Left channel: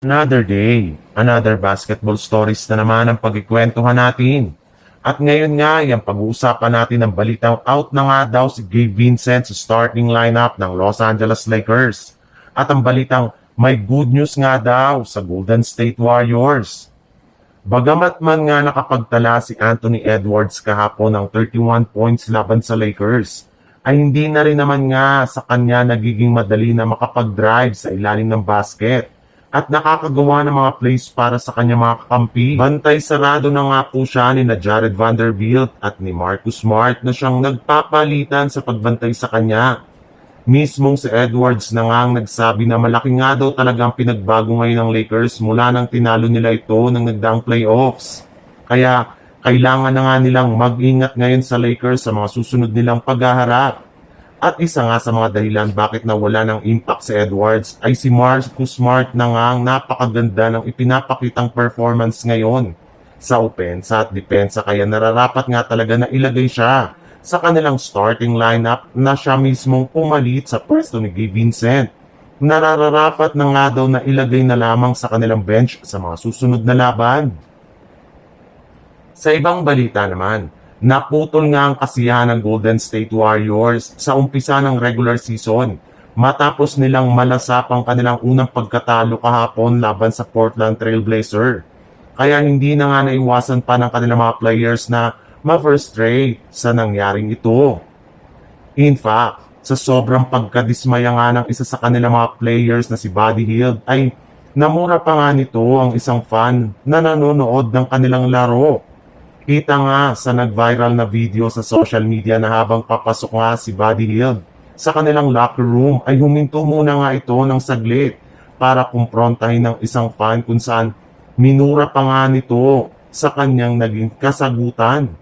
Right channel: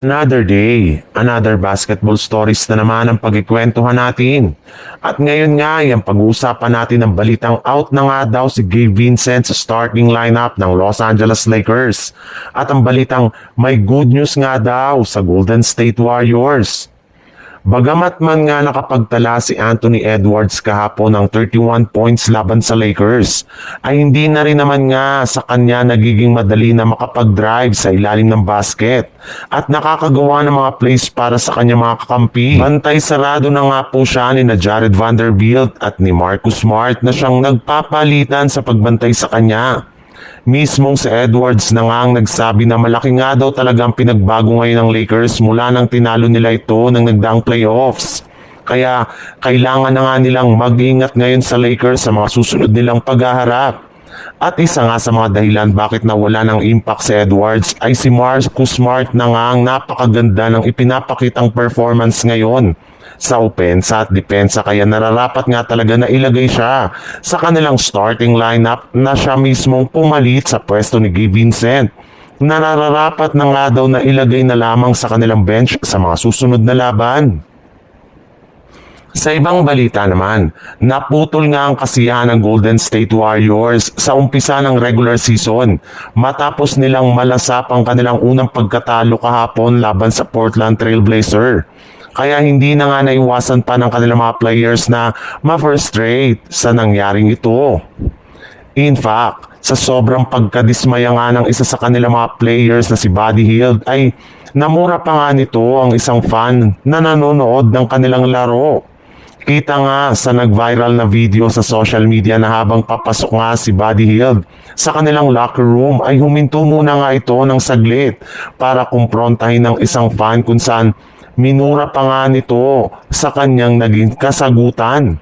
Another day, another basketball stories na naman ang pagkikwentuhan natin. At ngayon nga, yung pag-uusapan natin ng balitang out na nga daw si Gabe Vincent sa starting lineup ng Los Angeles Lakers. At ang balitang may good news nga daw sa Golden State Warriors. Bagamat man nga nakapagtala si Anthony Edwards kahapon ng 31 points laban sa Lakers, ay hindi na rin naman nga sa kanya nagiging madali na makapag-drive sa ilalim ng basket at nakakagawa ng mga plays para sa kanya mga kakampi. Bantay sarado na nga po siya ni na Jared Vanderbilt at ni Marcus Smart na siyang nagpapalitan sa pagbantay sa kanya. Mismong si Edwards na nga ang nagsabi na malaki nga daw talaga ang pinagbago ngayon ng Lakers mula nang tinalo nila ito ng nagdaang playoffs. Kaya kailangan na nga nilang mag-ingat ngayon sa Lakers sa mga susunod nilang paghaharap. At isa nga sa mga dahilan bakit nawala ng impact si Edwards ay si Marcus Smart na nga ang napakaganda ng ipinapakitang performance ngayon sa opensa at depensa, kaya nararapat nga talaga na ilagay siya sa kanilang starting lineup na siya mismong pumalit sa pwesto ni Gabe Vincent. Nararapat na nga daw na ilagay na lamang sa kanilang bench sa mga susunod na laban. Sa ibang balita naman, naputol nga ang kasiyahan ng Golden State Warriors sa umpisa ng regular season matapos nilang malasap ang kanilang unang pagkatalo kahapon laban sa Portland Trail Blazer. Kaya hindi na nga naiwasan pa ng kanilang mga players na ma-frustrate sa nangyaring ito. In fact, sa sobrang pagkadismaya nga ng isa sa kanilang mga players na si Buddy Hield ay namura pa nga nito ang isang fan na nanonood ng kanilang laro. Kita nga sa nag-viral na video sa social media na habang papasok nga si Buddy Hield sa kanilang locker room ay huminto muna nga ito ng saglit para kumprontahin ng isang fan kung saan minura pa nga nito sa kanyang naging kasagutan.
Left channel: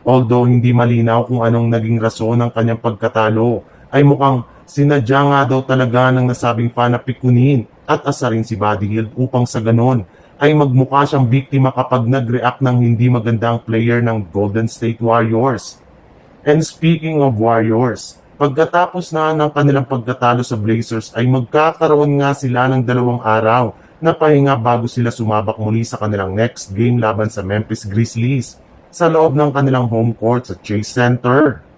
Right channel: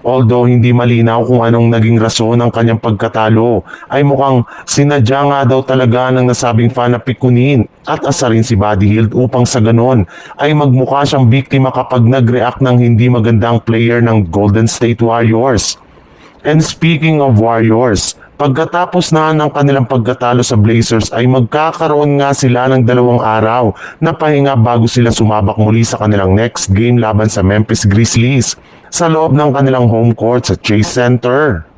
Although hindi malinaw kung anong naging rason ng kanyang pagkatalo, ay mukhang sinadya nga daw talaga ng nasabing fan na pikunin at asarin si Buddy Hield upang sa ganon ay magmukha siyang biktima kapag nag-react ng hindi magandang player ng Golden State Warriors. And speaking of Warriors, pagkatapos na ng kanilang pagkatalo sa Blazers ay magkakaroon nga sila ng 2 araw na pahinga bago sila sumabak muli sa kanilang next game laban sa Memphis Grizzlies sa loob ng kanilang home court sa Chase Center.